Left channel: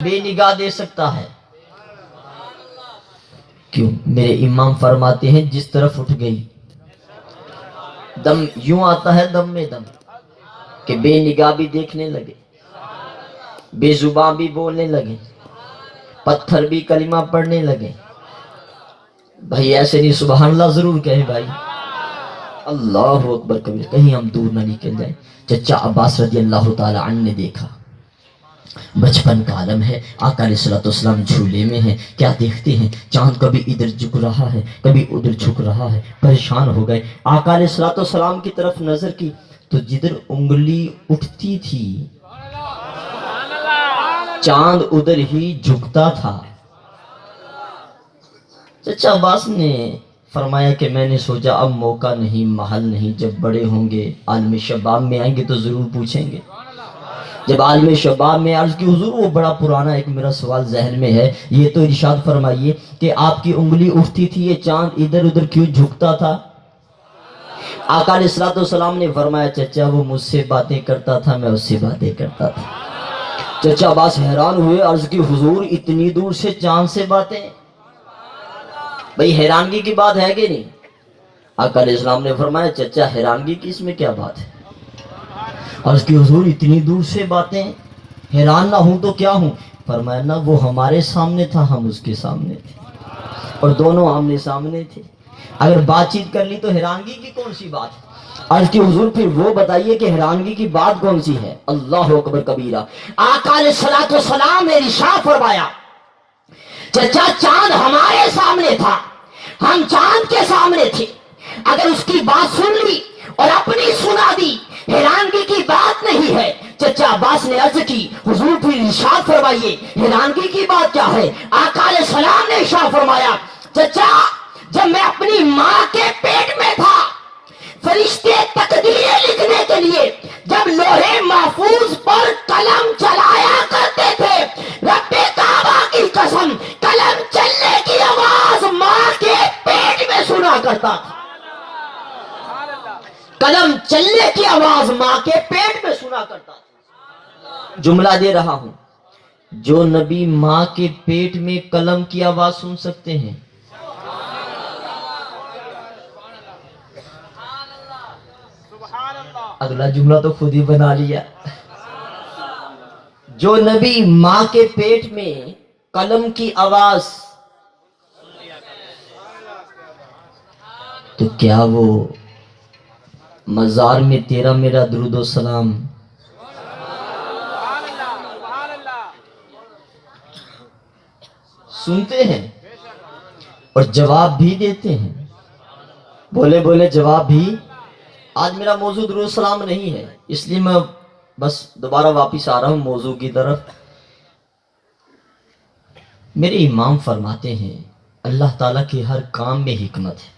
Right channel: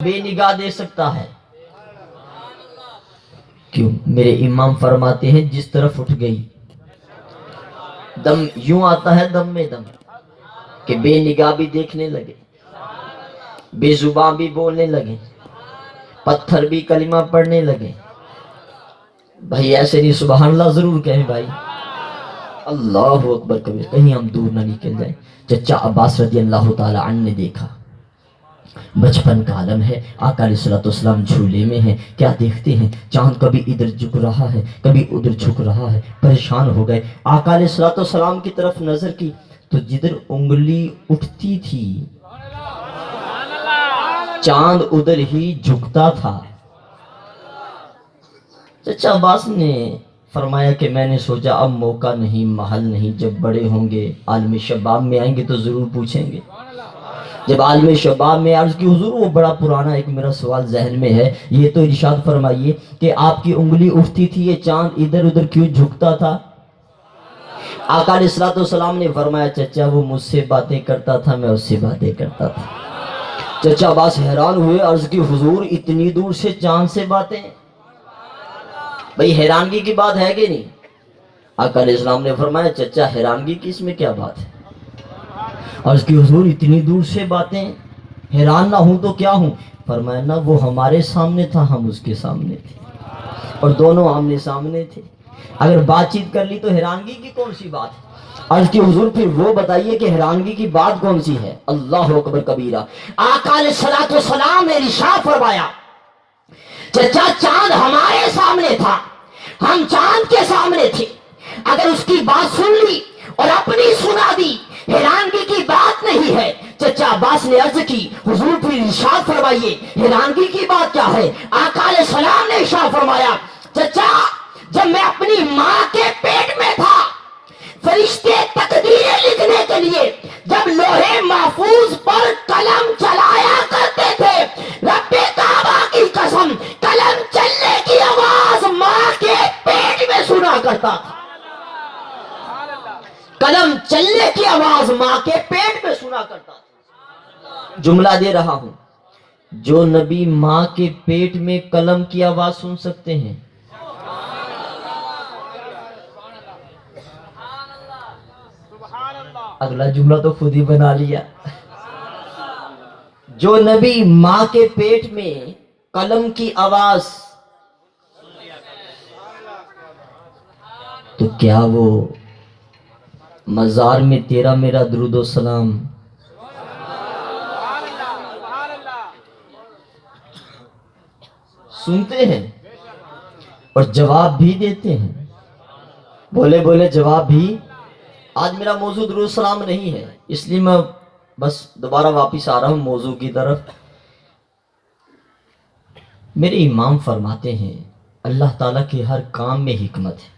بے نگاہ دے سکتا ہے؟ کیوں؟ میرے امام فرماتے ہیں جس طرف اٹھ گئی دم یوں آتا ہے دم میں دم کہ بے نگاہ بھی دیکھنے لگے، بے زبان بھی بولنے لگے، پتھر بھی کلمہ پڑھنے لگے۔ بھائی ایسے نہیں، سبحان اللہ ضرور کہیں بھائی، اللہ اکبر کبیر، کہیں ہم دور نہ نکل جائیں۔ چچا عباس رضی اللہ تعالی عنہ نے دیکھا، بچپن کا عالم ہے، آقا علیہ الصلوۃ والسلام جھولے میں ہیں، کیا دیکھتے ہیں؟ چاند کبھی ادھر جھک رہا ہے کبھی ادھر جھک رہا ہے، پریشان ہو گئے۔ آقا علیہ الصلوۃ والسلام کی طرف نظر کی تو جدھر انگلی اٹھتی تھی چاند ادھر ہی جھکتا تھا۔ چچا عباس نے فرمایا کہ میں نے سوچا اب موقع نہیں، محل نہیں، جب بڑے ہوں گے عالم شباب میں آئیں گے تو ضرور پوچھیں گے۔ جب عالم شباب میں عرض کی حضور وہ بڑا پرانا ایک میرا سوال ذہن میں ہے، یہ تو ارشاد فرمائیے کہ آپ کی انگلی اٹھتی تھی یہ چاند ادھر ادھر کیوں جھکتا تھا؟ آقا علیہ الصلوۃ والسلام نے فرمایا چچا وہ مجھ سے باتیں کرتا تھا، میں اس سے باتیں کرتا تھا۔ چچا عباس حیران ہوئے، عرض کی حضور اتنی دور سے چاند سے باتیں؟ بھئی حیرانگی کی بات ہے کہ نہیں؟ آقا علیہ السلام نے فرمایا چچا حیرانگی کی اس میں کیا بات ہے؟ عرض کی حضور اتنی دور سے باتیں، حیران نہ ہوں تو کیا ہوں؟ فرمایا نہ وہ ہمارے سامنے تھا ہم اس کے سامنے تھے، اور دونوں آمنے سامنے تھے، اگر بات چیت کر لی تو حیرانگی کی کون سی بات ہے؟ عرض کی حضور پھر وہ بتائیے کہ حیرانگی کی بات کون سی ہے؟ اللہ اکبر کبیرہ۔ آقا علیہ الصلوۃ والسلام نے ارشاد فرمایا چچا چاند ہمارے سامنے تھا، ہم چاند کے سامنے تھے، اگر اس کی بات سن لی اور اپنی سنا دی حیرانگی کی بات نہیں ہے۔ چچا عباس نے عرض کی حضور پھر ارشاد فرمائیے حیرانگی کی بات کیا ہے؟ آقا علیہ السلام نے ارشاد فرمایا چچا جب میں اپنی ماں کے پیٹ میں تھا، فرشتے تقدیریں لکھنے کے لیے جب لوہے محفوظ پر قلم چلایا کرتے تھے، رب کعبہ کی قسم قلم چلنے کی آواز ماں کے پیٹ میں سنا کرتا تھا، قلم چلنے کی آواز ماں کے پیٹ میں سنا کرتا تھا۔ جملہ دے رہا ہوں، جو نبی ماں کے پیٹ میں قلم کی آواز سن سکتے ہیں، اگلا جملہ تو خود ہی بنا لیا، جو نبی ماں کے پیٹ میں قلم کی آواز، تو کیا وہ مزار میں تیرا میرا درود و سلام سنتے ہیں اور جواب بھی دیتے ہیں؟ بولے بولے جواب بھی۔ آج میرا موضوع درود و سلام نہیں ہے، اس لیے میں بس دوبارہ واپس آ رہا ہوں موضوع کی طرف۔ میرے امام فرماتے ہیں اللہ تعالیٰ کے ہر کام میں حکمت ہے،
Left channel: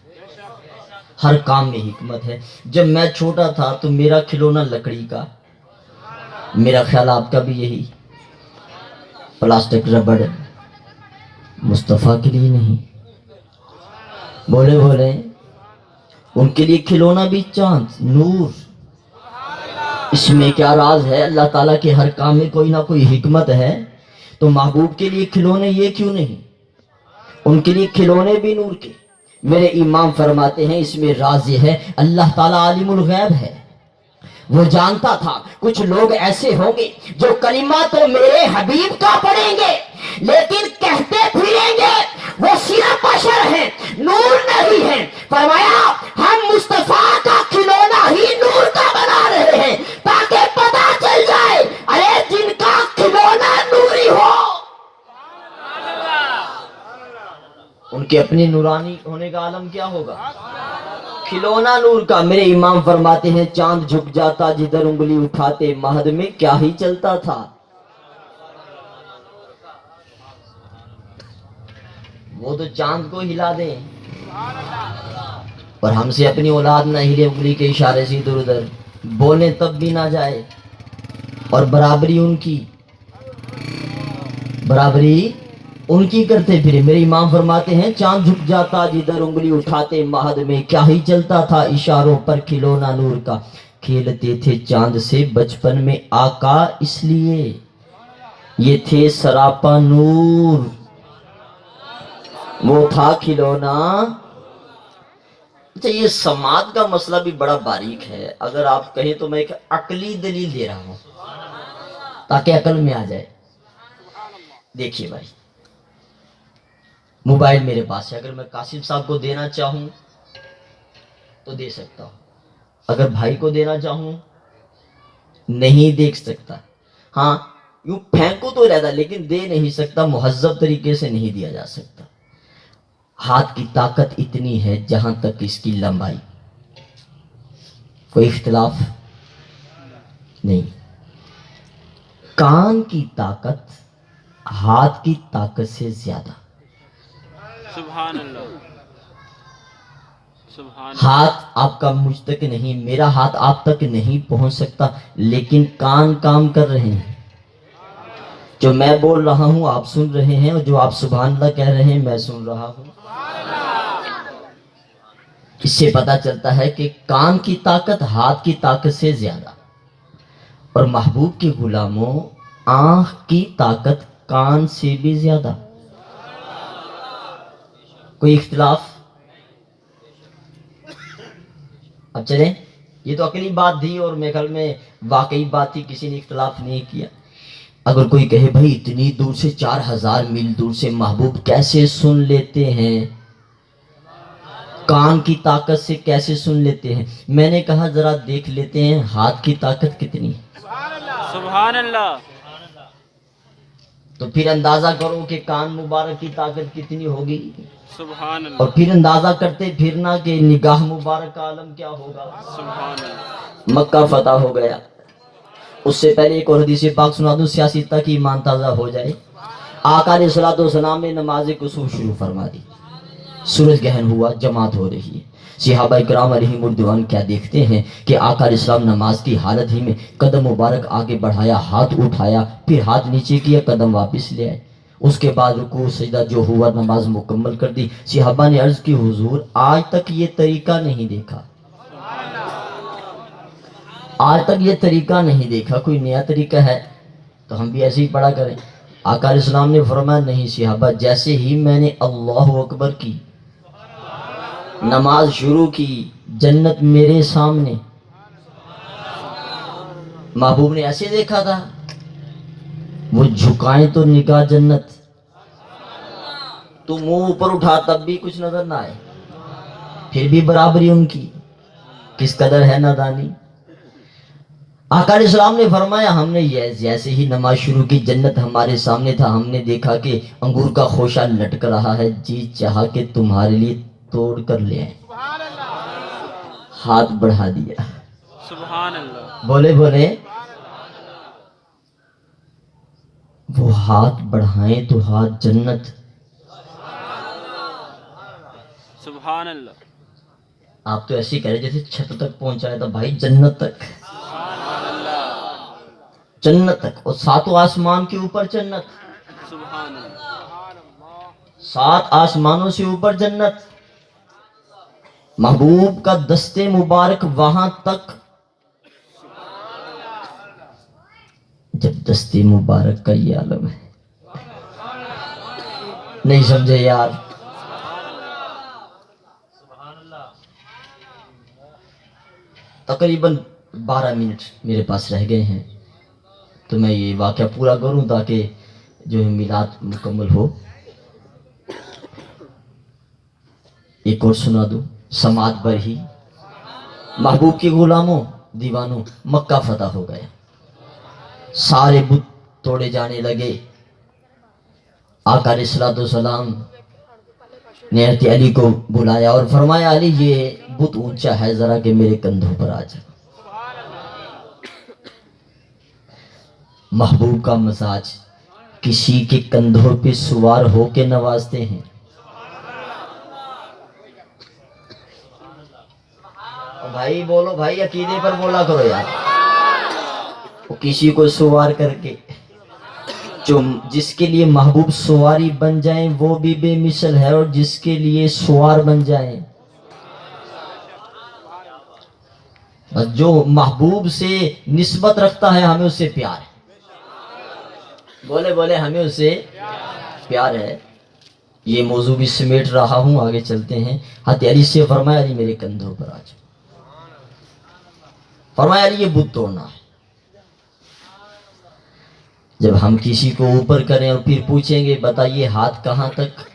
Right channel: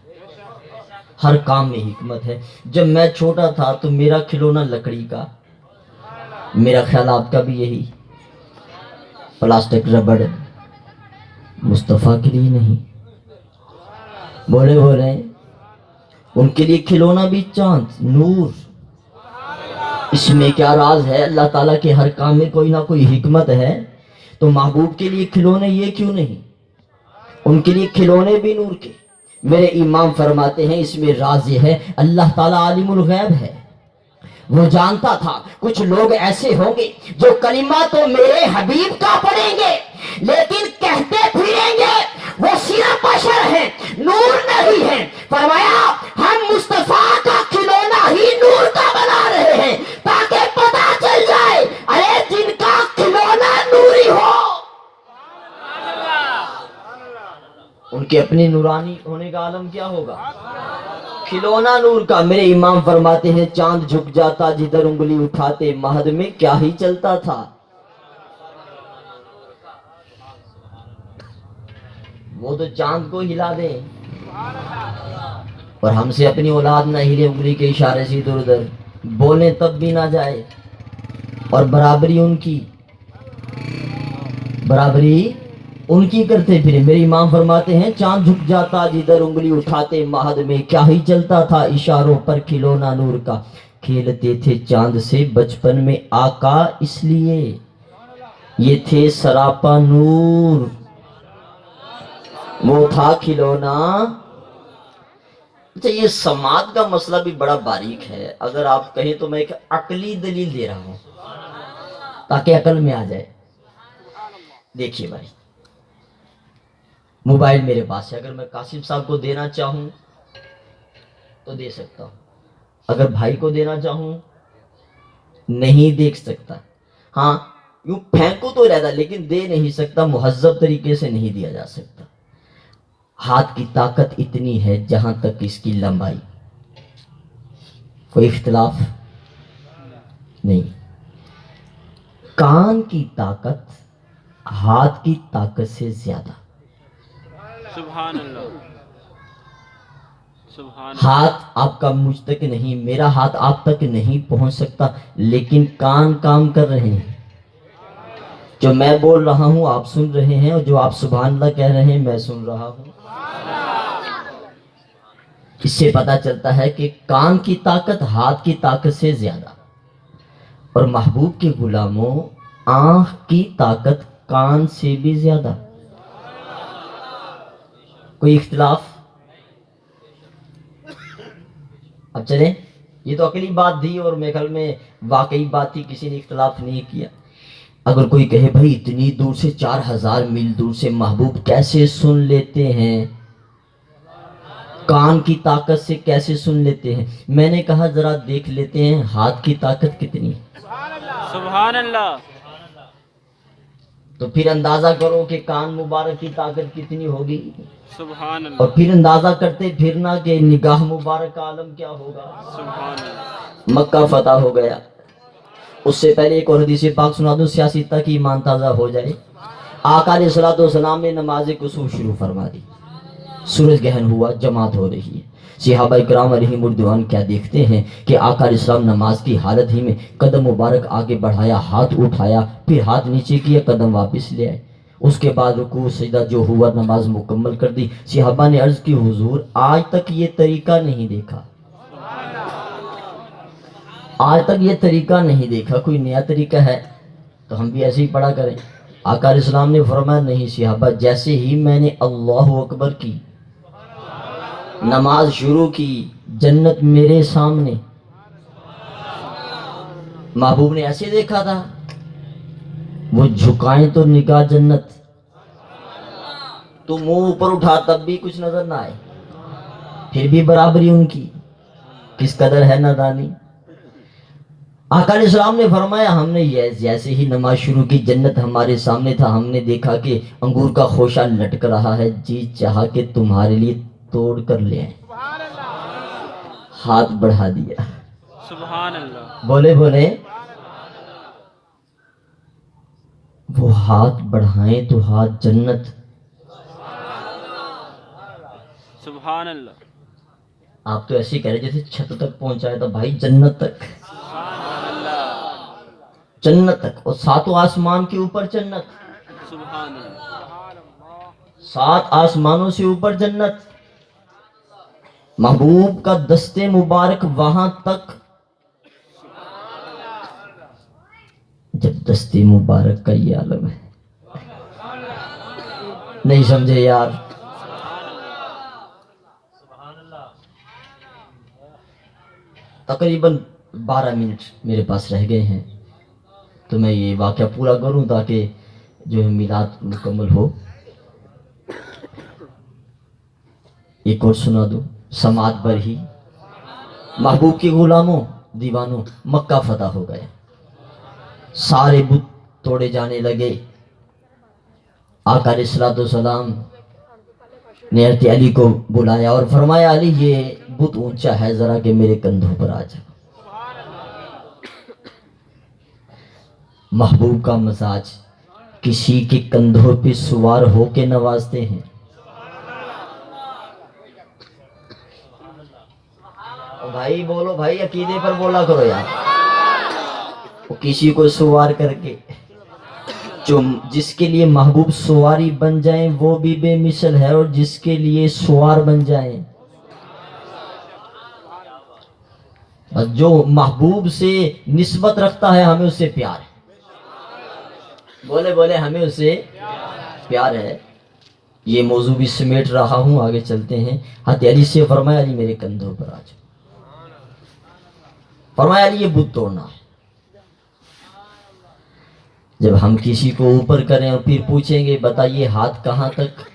ہر کام میں حکمت ہے۔ جب میں چھوٹا تھا تو میرا کھلونا لکڑی کا، میرا خیال آپ کا بھی یہی، پلاسٹک ربڑ، مصطفیٰ کے لیے نہیں، بولے بولے ان کے لیے کھلونا بھی چاند نور۔ اس میں کیا راز ہے؟ اللہ تعالیٰ کے ہر کام میں کوئی نہ کوئی حکمت ہے، تو محبوب کے لیے کھلونے یہ کیوں نہیں؟ ان کے لیے کھلونے بھی نور کے۔ میرے امام فرماتے ہیں اس میں راز یہ ہے اللہ تعالیٰ عالم الغیب ہے، وہ جانتا تھا کچھ لوگ ایسے ہوں گے جو کلمہ تو میرے حبیب کا پڑھیں گے لیکن کہتے پھریں گے وہ صرف بشر ہیں، نور نہیں ہیں۔ فرمایا ہم مصطفیٰ کا کھلونا ہی نور کا بنا رہے ہیں تاکہ پتہ چل جائے ارے جن کا کھلونا نوری ہو ان کے اپنی نورانی ہونے کا عالم کیا ہوگا؟ کھلونا نور کا۔ میرے امام فرماتے ہیں چاند جھک جاتا جدھر انگلی اٹھاتے، مہد میں کیا ہی چلتا تھا۔ وہ تو چاند کو ہلا دیں اور ہم سے اپنی اولاد نہ ہلے انگلی کے اشارے سے ادھر ادھر، بولیں تب بھی نہ جائے، اور برابری ان کی کرتے پھرے۔ میرے امام فرماتے ہیں چاند جھک جاتا جدھر انگلی اٹھاتے، مہد میں کیا ہی چلتا تھا، اشاروں پر کھلونا نور کا۔ کھیلتے تھے چاند سے بچپن میں آقا اس لیے یہ تھے سراپا نور، وہ تھا کھلونا۔ اچھا، یہ سماعت کا مسئلہ بھی بڑا باریک ہے، اگر آپ کہیں تو میں ایک عقلی دلیل دے رہا ہوں تاکہ عقل میں آ جائے۔ دیکھیے بھائی، موبائل میرے پاس ہے، اگر میں قاسم صاحب کو دینا چاہوں تو دے سکتا ہوں، اگر بھائی کو دینا چاہوں نہیں دیکھ سکتا۔ ہاں یوں پھینکو تو رہتا لیکن دے نہیں سکتا، مہذب طریقے سے نہیں دیا جا سکتا۔ ہاتھ کی طاقت اتنی ہے جہاں تک اس کی لمبائی، کوئی اختلاف نہیں۔ کان کی طاقت ہاتھ کی طاقت سے زیادہ۔ سبحان اللہ، سبحان اللہ۔ ہاتھ آپ کا مجھ تک نہیں، میرا ہاتھ آپ تک نہیں پہنچ سکتا، لیکن کان کام کر رہے ہیں۔ جو میں بول رہا ہوں آپ سن رہے ہیں، اور جو آپ سبحان اللہ کہہ رہے ہیں میں سن رہا ہوں۔ اس سے پتا چلتا ہے کہ کان کی طاقت ہاتھ کی طاقت سے زیادہ، اور محبوب کے غلاموں آنکھ کی طاقت کان سے بھی زیادہ۔ کوئی اختلاف؟ اب چلیں، یہ تو عقلی بات تھی اور میرے خیال میں واقعی بات تھی، کسی نے اختلاف نہیں کیا۔ اگر کوئی کہے بھائی اتنی دور سے 4000 میل دور سے محبوب کیسے سن لیتے ہیں، کان کی طاقت سے کیسے سن لیتے ہیں، میں نے کہا ذرا دیکھ لیتے ہیں ہاتھ کی طاقت کتنی ہے، سبحان اللہ، تو پھر اندازہ کرو کہ کان مبارک کی طاقت کتنی ہوگی، سبحان اور اللہ، پھر اندازہ کرتے پھرنا کہ نگاہ مبارک کا عالم کیا ہوگا۔ سبحان اللہ، مکہ فتح ہو گیا، اس سے پہلے ایک اور حدیث پاک سنا دوں سیاسی تک ایمان تازہ ہو جائے۔ آقا علیہ الصلوۃ والسلام نے نماز کسوف شروع فرما دی، سورج گہن ہوا، جماعت ہو رہی ہے۔ صحابہ کرام علیہم الرضوان کیا دیکھتے ہیں کہ آقا علیہ السلام نماز کی حالت ہی میں قدم مبارک آگے بڑھایا، ہاتھ اٹھایا، پھر ہاتھ نیچے کیا، قدم واپس لے آئے، اس کے بعد رکوع سجدہ جو ہوا نماز مکمل کر دی۔ صحابہ نے عرض کی حضور آج تک یہ طریقہ نہیں دیکھا، آج تک یہ طریقہ نہیں دیکھا، کوئی نیا طریقہ ہے تو ہم بھی ایسے ہی پڑھا کریں۔ آقا علیہ السلام نے فرمایا نہیں صحابہ، جیسے ہی میں نے اللہ اکبر کی، نماز شروع کی، جنت میرے سامنے، محبوب نے ایسے دیکھا تھا، وہ جھکائیں تو نگاہ جنت، تو منہ اوپر اٹھا تب بھی کچھ نظر نہ آئے، پھر بھی برابری ان کی، کس قدر ہے نادانی۔ آقا علیہ السلام نے فرمایا ہم نے جیسے ہی نماز شروع کی، جنت ہمارے سامنے تھا، ہم نے دیکھا کہ انگور کا خوشہ لٹک رہا ہے، جی چاہا کہ تمہارے لیے توڑ کر لے آئیں، ہاتھ بڑھا دیا، سبحان اللہ، بولے بولے وہ ہاتھ بڑھائیں تو ہاتھ جنت۔ سبحان اللہ، آپ تو ایسے ہی کہہ رہے جیسے چھت تک پہنچایا تھا، بھائی جنت تک، سبحان اللہ، جنت تک، اور ساتوں آسمان کے اوپر جنت، سبحان اللہ، 7 آسمانوں سے اوپر جنت، محبوب کا دستے مبارک وہاں تک، جب دستے مبارک کا یہ عالم ہے، نہیں سمجھے یار؟ تقریباً 12 منٹ میرے پاس رہ گئے ہیں، تو میں یہ واقعہ پورا کروں تاکہ جو ہے میلاد مکمل ہو۔ ایک اور سنا دوں، سماعت پر ہی محبوب کے غلاموں دیوانوں، مکہ فتح ہو گیا، سارے بت توڑے جانے لگے۔ آقا علیہ الصلوۃ والسلام نے حضرت علی کو بلایا اور فرمایا علی یہ بت اونچا ہے، ذرا کہ میرے کندھوں پر آ جا۔ محبوب کا مزاج کسی کے کندھوں پہ سوار ہو کے نوازتے ہیں۔ بھائی بولو بھائی، عقیدے پر بولا کرو یار، کسی کو سوار کر کے، جو جس کے لیے محبوب سواری بن جائیں وہ بھی بے مثل ہے، اور جس کے لیے سوار بن جائیں، جو محبوب سے نسبت رکھتا ہے ہمیں اس سے پیار ہے۔ بولے بولے ہمیں اسے پیار ہے. یہ موضوع بھی سمیٹ رہا ہوں, آگے چلتے ہیں. حضرت علی سے فرمایا علی میرے کندھوں پر آ جاؤ. فرمایا علی یہ بت توڑنا ہے. جب ہم کسی کو اوپر کریں اور پھر پوچھیں گے بتائیے ہاتھ کہاں تک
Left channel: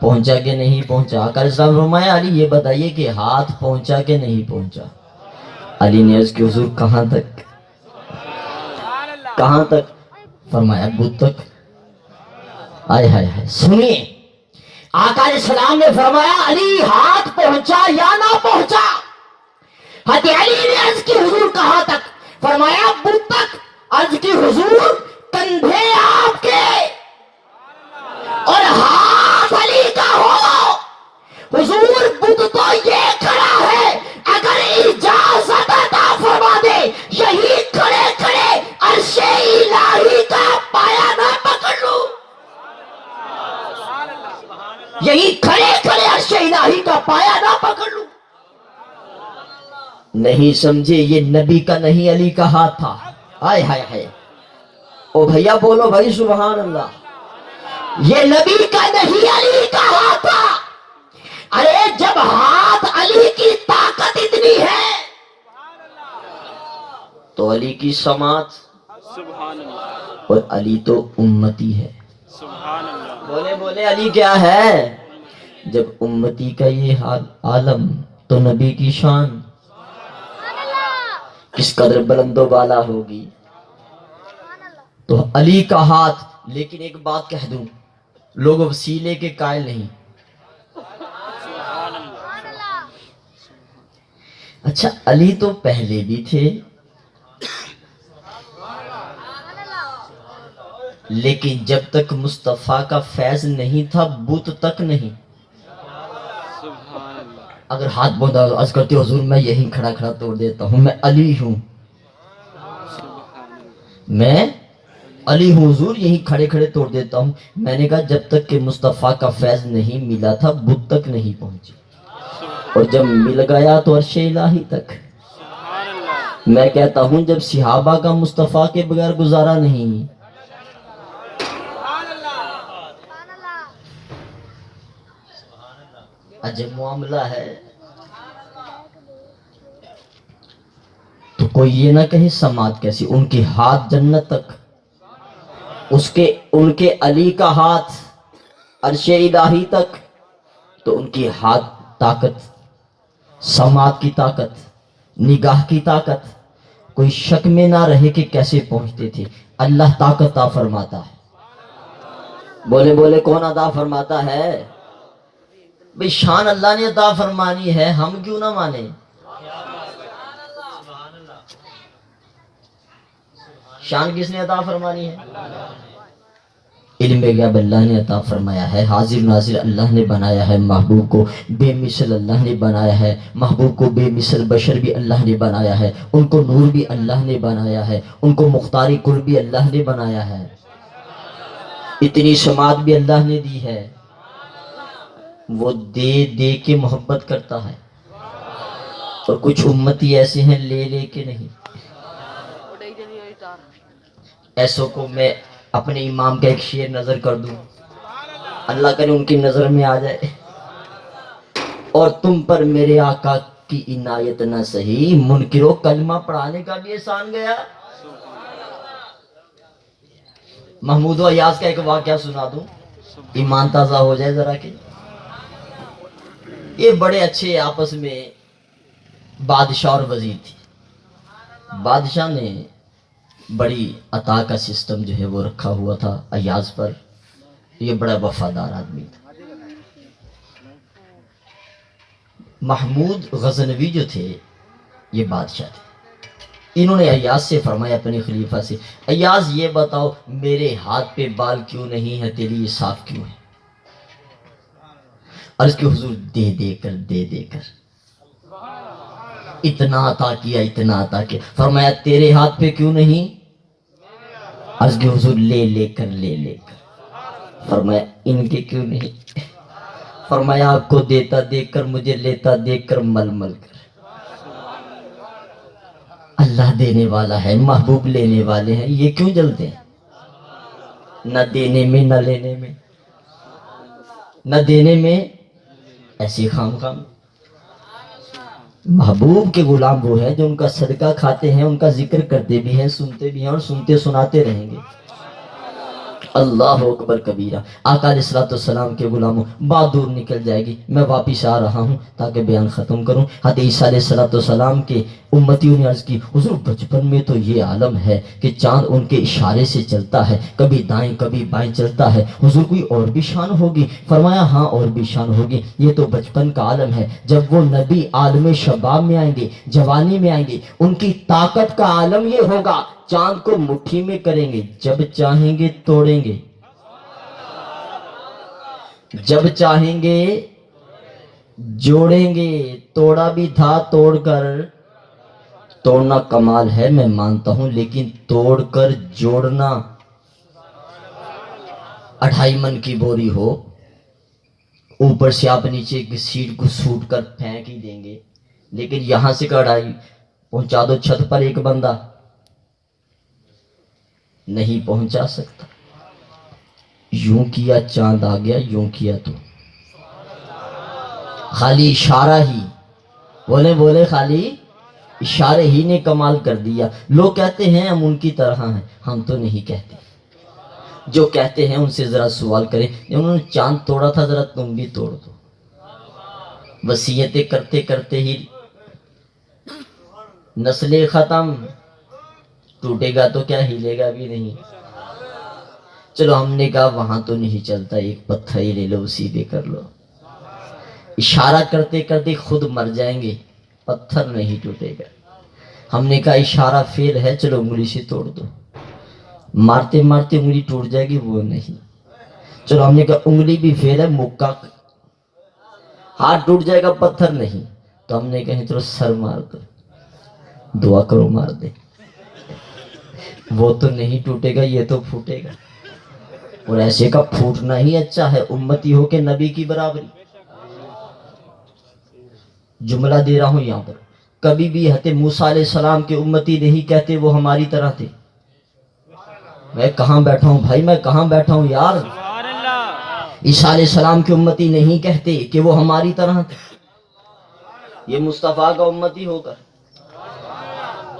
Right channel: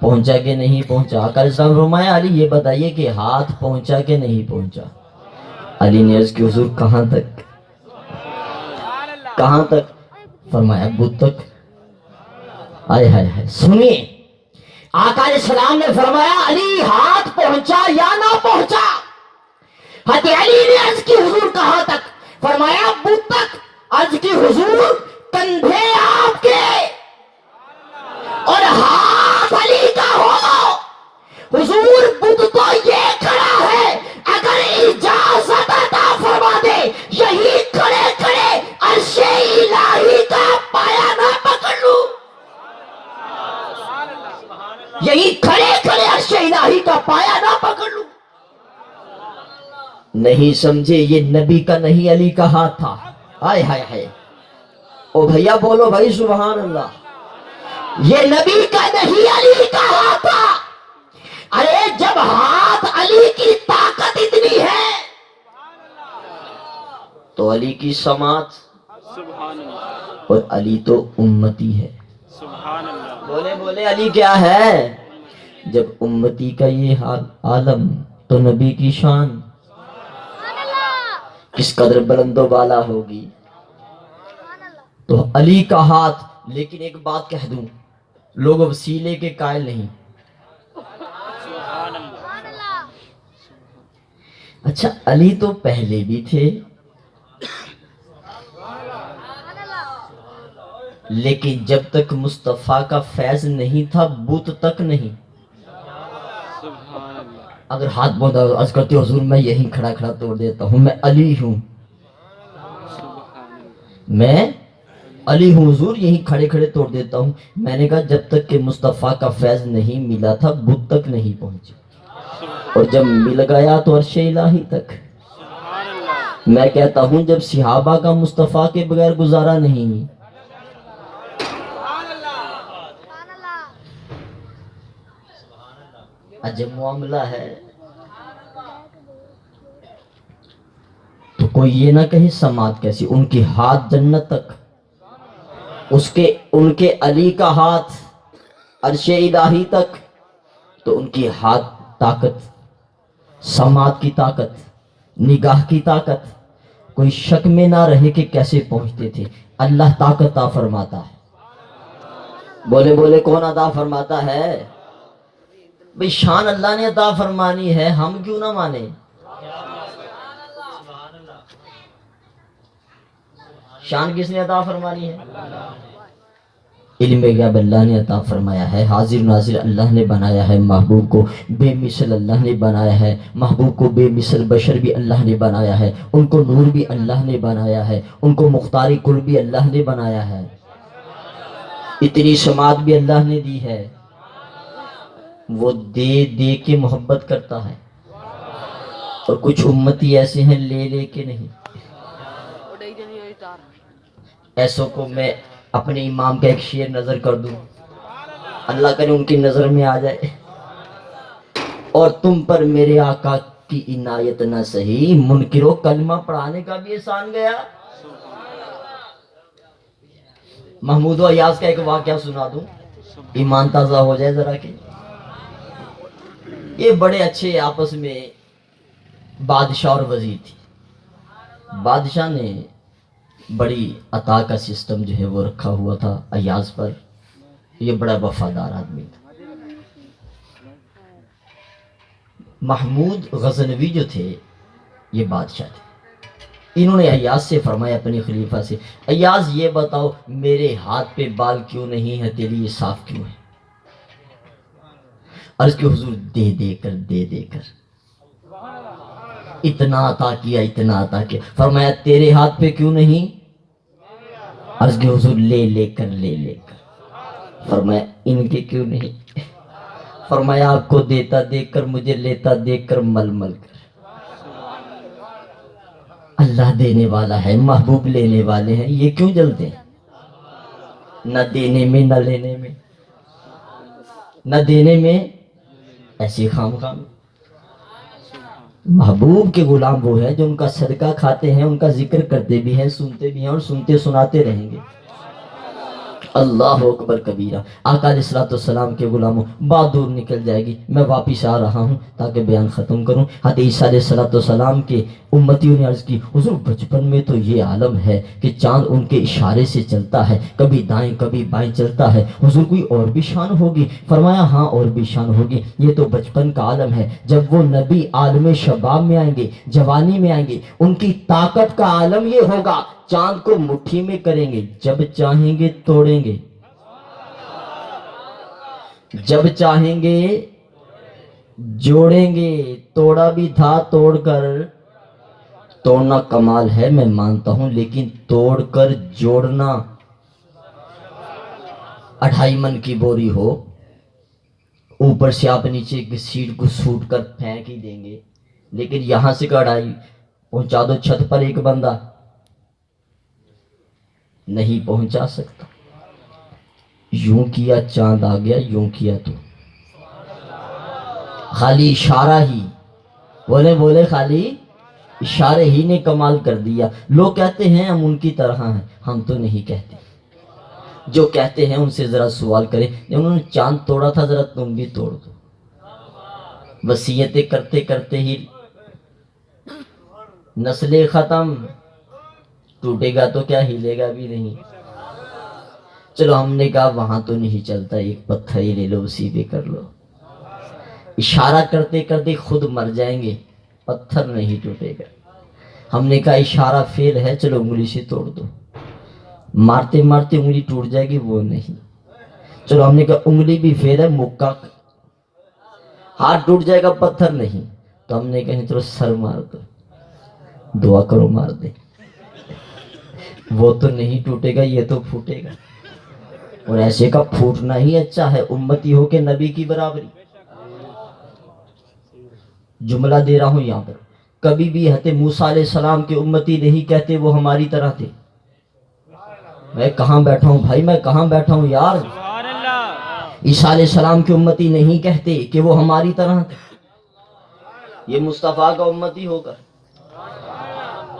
پہنچا کہ نہیں پہنچا, آقا علیہ السلام فرمایا علی یہ بتائیے کہ ہاتھ پہنچا کہ نہیں پہنچا. علی نے عرض کی حضور کہاں تک, کہاں تک؟ فرمایا بت تک. آئے ہائے ہائے, سنیے آقا علیہ السلام نے فرمایا علی ہاتھ پہنچا یا نہ پہنچا؟ حضرت علی نے عرض کی حضور کہاں تک؟ فرمایا بت تک. عرض کی حضور کندھے آپ کے اور ہاتھ علی کا ہو. حضور بت تو یہ کھڑا ہے, اگر اجازت عطا فرما دے یہی کھڑے کھڑے عرش الہی کا پایا نہ پکڑ لوں, یہی کھڑے کھڑے عرش الہی کا پایا نہ پکڑ لوں. نہیں سمجھے, یہ نبی کا نہیں علی کا ہاتھ تھا. ہائے ہائے ہائے, او بھیا بولو بھائی سبحان اللہ. یہ نبی کا نہیں علی کا ہاتھ تھا. ارے جب ہاتھ علی کی طاقت اتنی ہے تو علی کی سماعت, سبحان اللہ. اور علی تو امتی ہے. سبحان اللہ. بولے بولے علی کیا ہے؟ جب امتی کا یہ حال عالم تو نبی کی شان کس قدر بلند و بالا ہوگی. تو علی کا ہاتھ. لیکن ایک بات کہہ دوں, لوگ وسیلے کے قائل نہیں. سبحان اللہ. اچھا علی تو پہلے بھی تھے, لیکن جب تک مصطفیٰ کا فیض نہیں تھا بت تک نہیں. سبحان اللہ. اگر ہاتھ بوندھا عرض کرتے حضور میں یہیں کھڑا کھڑا توڑ دیتا ہوں, میں علی ہوں, سبحان اللہ. میں علی ہوں حضور, یہیں کھڑے کھڑے توڑ دیتا ہوں. میں نے کہا جب تک کہ مصطفیٰ کا فیض نہیں ملا تھا بت تک نہیں پہنچی, اور جب مل گیا تو عرش الہی تک. سبحان اللہ. میں کہتا ہوں جب صحابہ کا مصطفیٰ کے بغیر گزارا نہیں, عجب معاملہ ہے. تو کوئی یہ نہ کہے سماعت کیسی, ان کی ہاتھ جنت تک, ان کے علی کا ہاتھ عرش الہی تک, تو ان کی ہاتھ طاقت, سماعت کی طاقت, نگاہ کی طاقت, کوئی شک میں نہ رہے کہ کیسے پہنچتے تھے. اللہ طاقت عطا فرماتا ہے. بولے بولے کون عطا فرماتا ہے؟ بھئی شان اللہ نے عطا فرمانی ہے, ہم کیوں نہ مانیں؟ شان کس نے عطا فرمانی ہے؟ علم غیب اللہ نے عطا فرمایا ہے. حاضر ناظر اللہ نے بنایا ہے. محبوب کو بے مثل اللہ نے بنایا ہے. محبوب کو بے مثل بشر بھی اللہ نے بنایا ہے. ان کو نور بھی اللہ نے بنایا ہے. ان کو مختاری کل بھی اللہ نے بنایا ہے. اتنی سماعت بھی اللہ نے دی ہے. وہ دے دے کے محبت کرتا ہے, اور کچھ امتی ایسے ہیں لے لے کے نہیں. ایسوں کو میں اپنے امام کا ایک شعر نظر کر دوں, اللہ کرے ان کی نظر میں آ جائے. اور تم پر میرے آقا کی عنایت نہ سہی, منکروں کلمہ پڑھانے کا بھی احسان گیا. محمود و ایاز کا ایک واقعہ سنا دوں, ایمان تازہ ہو جائے ذرا کہ. یہ بڑے اچھے آپس میں بادشاہ اور وزیر تھی. بادشاہ نے بڑی عطا کا سسٹم جو ہے وہ رکھا ہوا تھا ایاز پر. یہ بڑا وفادار آدمی تھا. محمود غزنوی جو تھے یہ بادشاہ تھے. انہوں نے ایاز سے فرمایا اپنے خلیفہ سے, ایاز یہ بتاؤ میرے ہاتھ پہ بال کیوں نہیں ہے, تیرے یہ صاف کیوں ہے؟ عرض کہ حضور دے دے کر اتنا عطا کیا, اتنا عطا کیا. فرمایا تیرے ہاتھ پہ کیوں نہیں؟ عرض کہ حضور لے لے کر. فرمایا ان کے کیوں نہیں؟ فرمایا آپ کو دیتا دیکھ کر, مجھے لیتا دیکھ کر, مل مل کر. اللہ دینے والا ہے, محبوب لینے والے ہیں, یہ کیوں جلتے ہیں؟ نہ دینے میں نہ لینے میں، نہ دینے میں ایسی خام خام۔ محبوب کے غلام وہ ہیں جو ان کا صدقہ کھاتے ہیں، ان کا ذکر کرتے بھی ہیں، سنتے بھی ہیں اور سنتے سناتے رہیں گے۔ اللہ اکبر کبیرہ۔ آقا علیہ الصلوۃ والسلام کے غلاموں، بات دور نکل جائے گی، میں واپس آ رہا ہوں تاکہ بیان ختم کروں۔ حضرت عیسیٰ علیہ الصلوۃ والسلام کے امتیوں نے عرض کی، حضور بچپن میں تو یہ عالم ہے کہ چاند ان کے اشارے سے چلتا ہے، کبھی دائیں کبھی بائیں چلتا ہے، حضور کوئی اور بھی شان ہوگی؟ فرمایا ہاں اور بھی شان ہوگی، یہ تو بچپن کا عالم ہے، جب وہ نبی عالم شباب میں آئیں گے، جوانی میں آئیں گے، ان کی طاقت کا عالم یہ ہوگا، چاند کو مٹھی میں کریں گے، جب چاہیں گے توڑیں گے، جب چاہیں گے جوڑیں گے۔ توڑا بھی تھا توڑ کر، توڑنا کمال ہے میں مانتا ہوں، لیکن توڑ کر جوڑنا، 2.5 من کی بوری ہو، اوپر سے آپ نیچے کی سیٹ کو سوٹ کر پھینک ہی دیں گے، لیکن یہاں سے کڑھائی پہنچا دو چھت پر، ایک بندہ نہیں پہنچا سکتا۔ یوں کیا چاند آ گیا، یوں کیا تو خالی اشارہ ہی، بولے بولے خالی اشارے ہی نے کمال کر دیا۔ لوگ کہتے ہیں ہم ان کی طرح ہیں، ہم تو نہیں کہتے۔ جو کہتے ہیں ان سے ذرا سوال کریں، انہوں نے چاند توڑا تھا، ذرا تم بھی توڑ دو۔ وصیتیں کرتے کرتے ہی نسلیں ختم، ٹوٹے گا تو کیا ہلے گا بھی نہیں۔ چلو ہم نے کہا وہاں تو نہیں چلتا، ایک پتھر ہی لے لو، اسی پہ کر لو۔ اشارہ کرتے کرتے خود مر جائیں گے، پتھر نہیں ٹوٹے گا۔ ہم نے کہا اشارہ فیل ہے، چلو انگلی سے توڑ دو۔ مارتے مارتے انگلی ٹوٹ جائے گی، وہ نہیں۔ چلو ہم نے کہا انگلی بھی فیل ہے، مکہ ہاتھ ٹوٹ جائے گا، پتھر نہیں۔ تو ہم نے کہا چلو سر مار دو، دعا کرو مار دے، وہ تو نہیں ٹوٹے گا، یہ تو پھوٹے گا۔ اور ایسے کا پھوٹنا ہی اچھا ہے، امتی ہو کے نبی کی برابری۔ جملہ دے رہا ہوں یہاں پر، کبھی بھی حضرت موسیٰ علیہ السلام کے امتی نہیں کہتے وہ ہماری طرح تھے۔ میں کہاں بیٹھا ہوں بھائی، میں کہاں بیٹھا ہوں یار۔ سبحان اللہ۔ عیسیٰ علیہ السلام کے امتی نہیں کہتے کہ وہ ہماری طرح تھے، یہ مصطفیٰ کا امتی ہوگا۔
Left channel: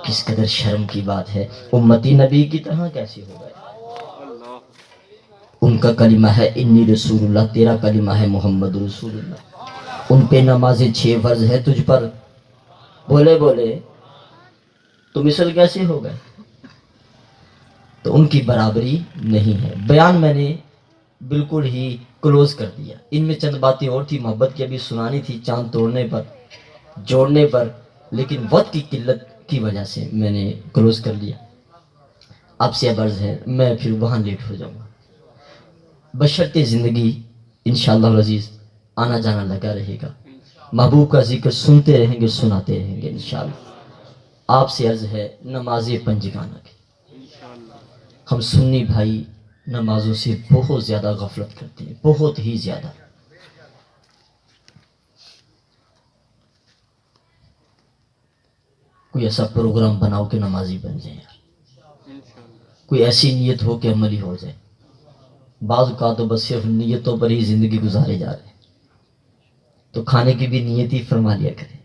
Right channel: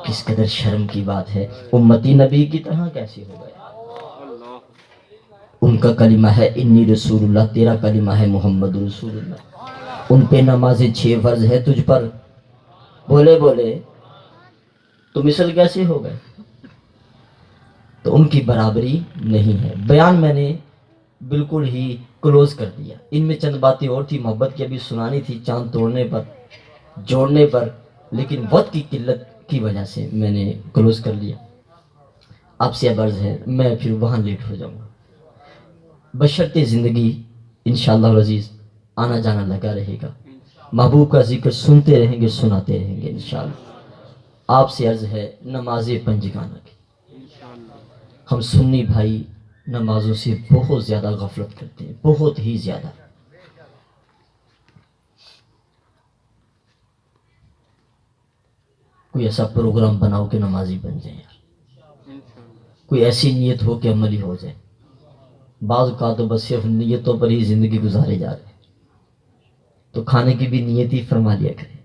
کس قدر شرم کی بات ہے، امتی نبی کی طرح کیسے ہوگا؟ اللہ ان کا کلمہ ہے انی رسول اللہ، تیرا کلمہ ہے محمد رسول اللہ۔ ان پہ نمازیں 6 فرض ہے، تجھ پر بولے بولے تو مثل کیسے ہوگا؟ تو ان کی برابری نہیں ہے۔ بیان میں نے بالکل ہی کلوز کر دیا، ان میں چند باتیں اور تھی محبت کی ابھی سنانی تھی، چاند توڑنے پر جوڑنے پر، لیکن وقت کی قلت کی وجہ سے میں نے کلوز کر لیا۔ آپ سے عرض ہے، میں پھر وہاں لیٹ ہو جاؤں گا۔ بشرط زندگی انشاءاللہ العزیز آنا جانا لگا رہے گا، محبوب کا ذکر سنتے رہیں گے، سناتے رہیں گے انشاءاللہ۔ آپ سے عرض ہے نماز پنجگانہ کی، انشاءاللہ۔ ہم سنی بھائی نمازوں سے بہت زیادہ غفلت کرتے ہیں، بہت ہی زیادہ۔ کوئی ایسا پروگرام بناؤ کہ نمازی بن جائیں یار، انشاءاللہ۔ کوئی ایسی نیت ہو کہ عملی ہو جائے۔ بعض اوقات تو بس صرف نیتوں پر ہی زندگی گزارے جا رہے ہیں، تو کھانے کی بھی نیت ہی فرما لیا کرے،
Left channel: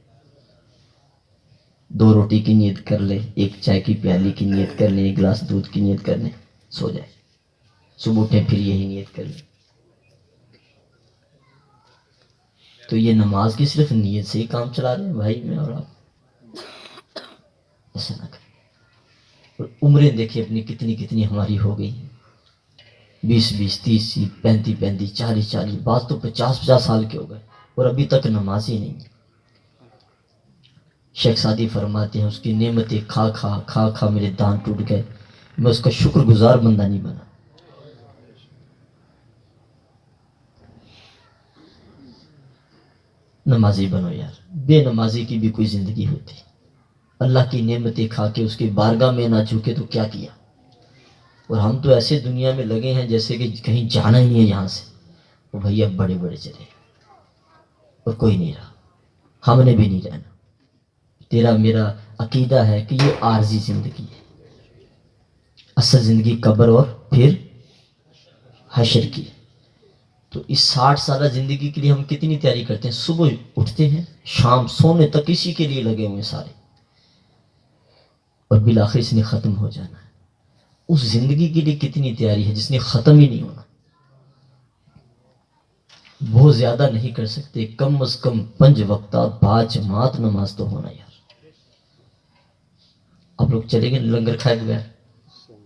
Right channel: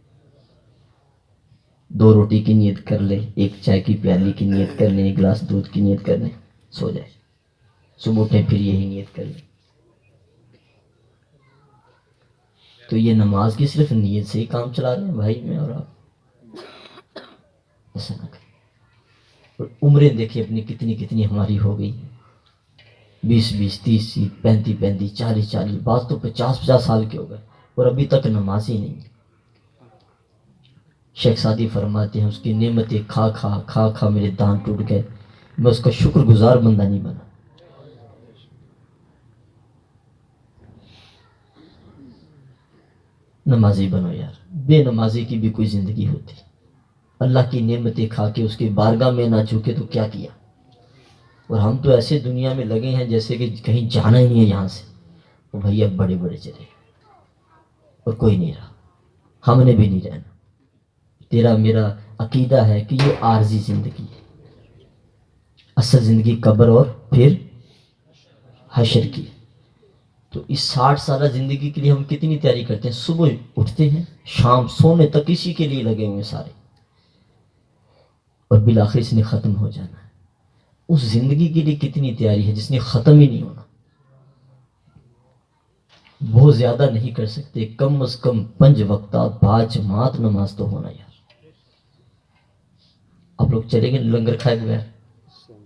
2 روٹی کی نیت کر لے، 1 چائے کی پیالی کی نیت کر لیں، 1 گلاس دودھ کی نیت کر لیں، سو جائے، صبح اٹھیں پھر یہی نیت کر لیں۔ تو یہ نماز کی صرف نیت سے ہی کام چلا رہے ہیں بھائی میں اور آپ، ایسا نہ کریں۔ اور عمریں دیکھیں اپنی کتنی کتنی ہماری ہو گئی، 20 30 35 40 بعض تو 50 سال کے ہو گئے اور ابھی تک نماز ہی نہیں۔ شیخ سعدی فرماتے ہیں اس کی نعمتیں کھا کھا کھا کھا میرے دان ٹوٹ گئے، میں اس کا شکر گزار بندہ نہیں بنا۔ نمازی بنو یار، بے نمازی کی بھی کوئی زندگی ہوتی، اللہ کی نعمتیں کھا کے اس کی بارگاہ میں نہ جھکے تو کیا کیا۔ اور ہم تو ایسے دنیا میں لگے ہیں جیسے کہ کہیں جانا ہی نہیں ہے یہاں سے، وہ بھیا بڑے بڑے چلے اور کوئی نہیں رہا، ہم نے بھی نہیں رہنا۔ تیرا میرا عقیدہ ہے کہ یہ عارضی زندگی ہے، اصل زندگی قبر اور پھر حشر کی. تو اس 60 سالہ زندگی کے لیے ہم کتنی تیاری کرتے ہیں؟ صبح اٹھتے ہیں، شام سونے تک اسی کے لیے لگے ہوئے سارے، اور بالآخر اس نے ختم ہو جانا ہے. اس زندگی کے لیے کتنی تیاری ہے جس نے ختم ہی نہیں ہونا. بہت زیادہ نہیں کر سکتے، کم از کم 5 وقتہ باجماعت نماز تو ہونا یار. آپ لوگ چلے گئے لنگر کھائے ہوئے ہیں، بھائی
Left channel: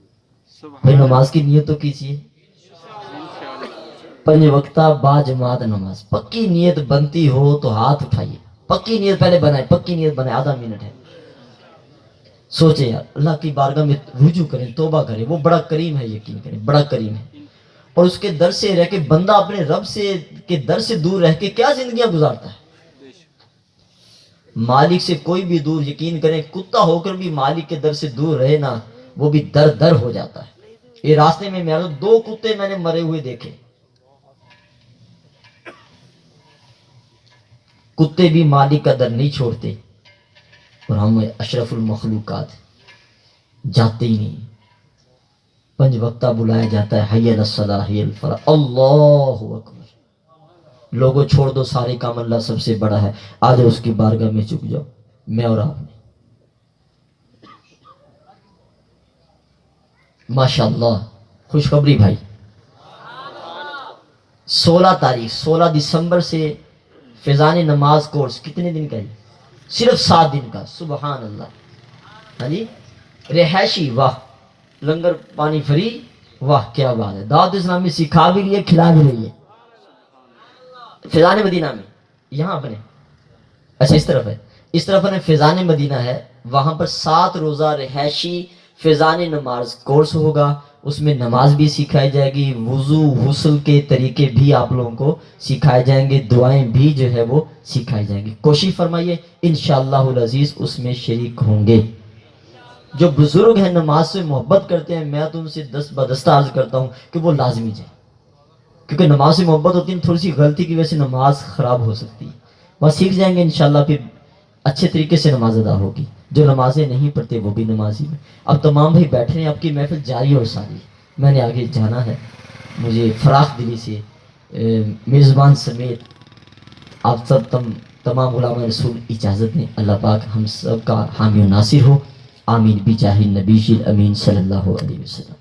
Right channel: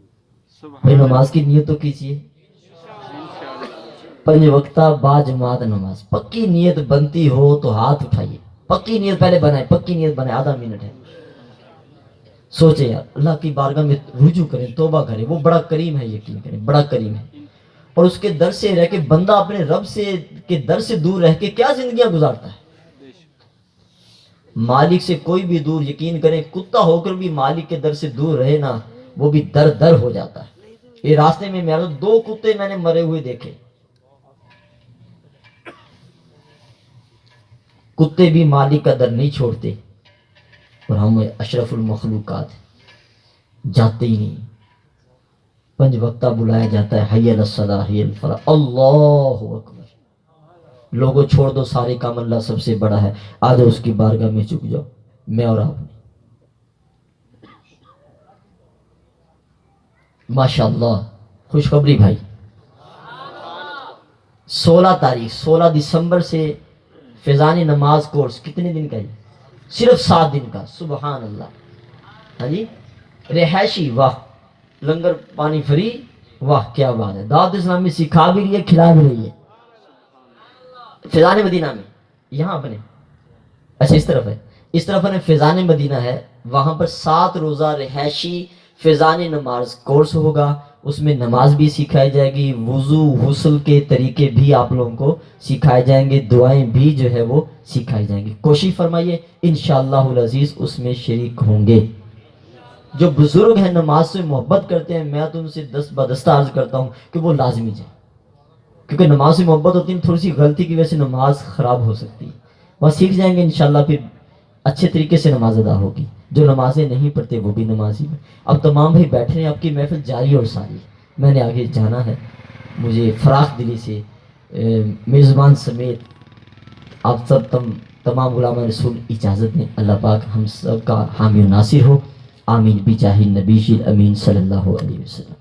سبحان نماز کی نیت تو کیجیے. انشاءاللہ 5 وقتہ باجماعت نماز، پکی نیت بنتی ہو تو ہاتھ اٹھائیے. پکی نیت پہلے بنائے، پکی نیت بنائے. آدھا منٹ ہے، سوچے یار اللہ کی بارگاہ میں رجوع کریں، توبہ کریں. وہ بڑا کریم ہے، یقین کریں بڑا کریم ہے. اور اس کے در سے رہ کے بندہ اپنے رب سے کے در سے دور رہ کے کیا زندگیاں گزارتا ہے. بے شک. مالک سے کوئی بھی دور، یقین کریں کتا ہو کر بھی مالک کے در سے دور رہے نا، وہ بھی در در ہو جاتا ہے. یہ راستے میں 2 کتے میں نے مرے ہوئے دیکھے. کتے بھی مالک کا در نہیں چھوڑتے، اور ہم اشرف المخلوقات جاتے ہی نہیں. 5 وقتہ بلایا جاتا ہے، حی علی الصلاۃ حی علی الفلاح، اللہ اکبر. لوگوں چھوڑ دو سارے کام، اللہ سب سے بڑا ہے. آ جاؤ اس کی بارگاہ میں جھک جاؤ. میں اور آپ نے ماشاءاللہ خوشخبری بھائی، 16 تاریخ 16 دسمبر سے فیضان نماز کورس کتنے دن کا ہے؟ صرف 7 دن کا. سبحان اللہ. ہاں جی، رہائشی، واہ. لنگر پانی فری، واہ کیا بات ہے. دعوت اسلامی سکھا بھی رہی ہے، کھلا بھی رہی ہے. فیضان مدینہ میں یہاں اپنے، اچھا اس طرف ہے، اس طرف ہے فیضان مدینہ ہے. وہاں پر 7 روزہ رہائشی فیضان نماز کورس ہوگا. اس میں نماز بھی سکھائی جائے گی، وضو غسل کے طریقے بھی آپ لوگوں کو سکھائے جائیں گے، دعائیں بھی جو ہے وہ سکھائی جائیں گی. کوشش فرمائیے انشاءاللہ العزیز اس میں شریک ہوں گے. جو بزرگ ہیں نماز سے محبت کرتے ہیں، میں تو ان سے دست بدستہ عرض کرتا ہوں کہ وہ لازمی جائیں، کیونکہ نماز سے محبت ہوتی ہے. تھوڑی سی غلطی کی وجہ سے نماز خراب ہو سکتی ہے. وہ سیکھ جائیں گے انشاءاللہ، پھر اچھے طریقے سے نماز ادا ہوگی. جو نمازیں نہیں پڑھتے وہ بھی نمازی میں. اب تمام بھائی بیٹھے ہیں، آپ کی محفل جاری اور ساری. میں نے آگے جانا ہے، مجھے فراخ دلی سے میزبان سمیت آپ سب تمام غلام رسول اجازت دیں. اللہ پاک ہم سب کا حامی و ناصر ہو. آمین بجاہ النبی الامین صلی اللہ علیہ وسلم.